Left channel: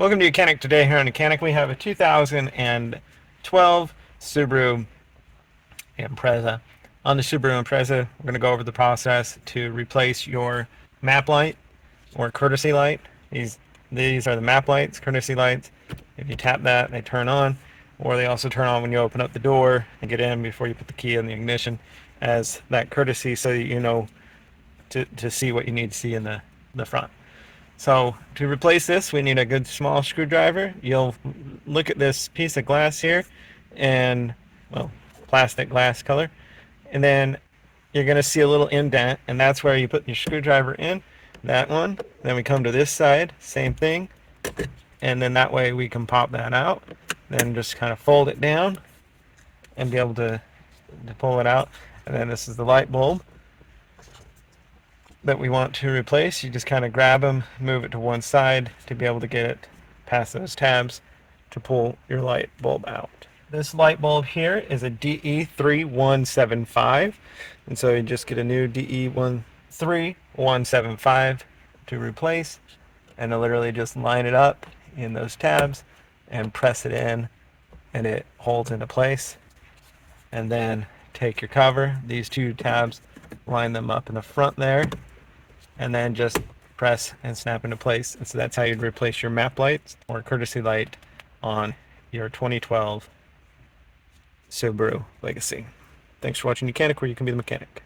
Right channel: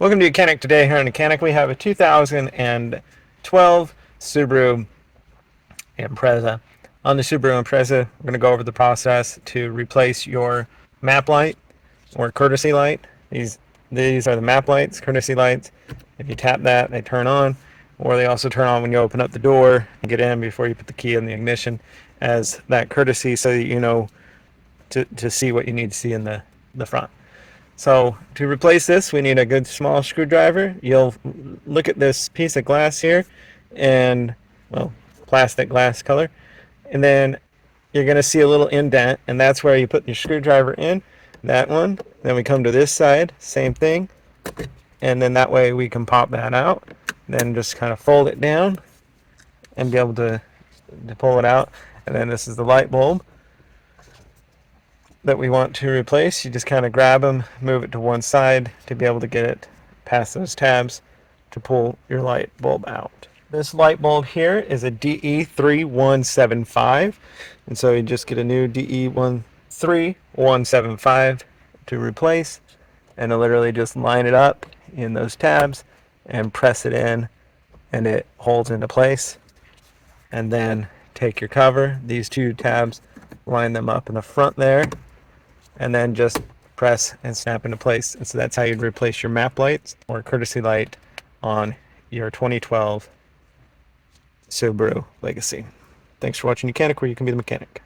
Welcome to YOUCANIC. Today here on YOUCANIC we have a 2012 Subaru Impreza. On the Subaru Impreza, we're going to go over the process to replace your map light or courtesy light. These are the map lights, courtesy lights. If you tap that, they turn on, or they also turn on when you open up the door and get in before you put the key in the ignition as that courtesy so that you know to see what you need to see in the front. So to replace this, we need a good small screwdriver. You'll look at this piece of glass here, and well, plastic glass color, and then you're going to see a little indent, and that's where you put your screwdriver in. That one. Then we come to this side, same thing, and then that way we can pop that out. Then just kind of fold it down and be able to pull it out. And then this is the light bulb that we want to replace. You just kind of grab them, move it to one side to be able to get it past those tabs to pull your light bulb out. This light bulb here is a DE3175, and so you just get a new DE3175 to replace, and literally just line it up in those tabs and press it in, and it holds into place. And then take your cover, these two tabs, line them up in the front there, and then just press and snap into place. And so that's how you'd replace your map lights or courtesy light on your 2012 Subaru Legacy. Thanks for watching YOUCANIC, where you can be the mechanic.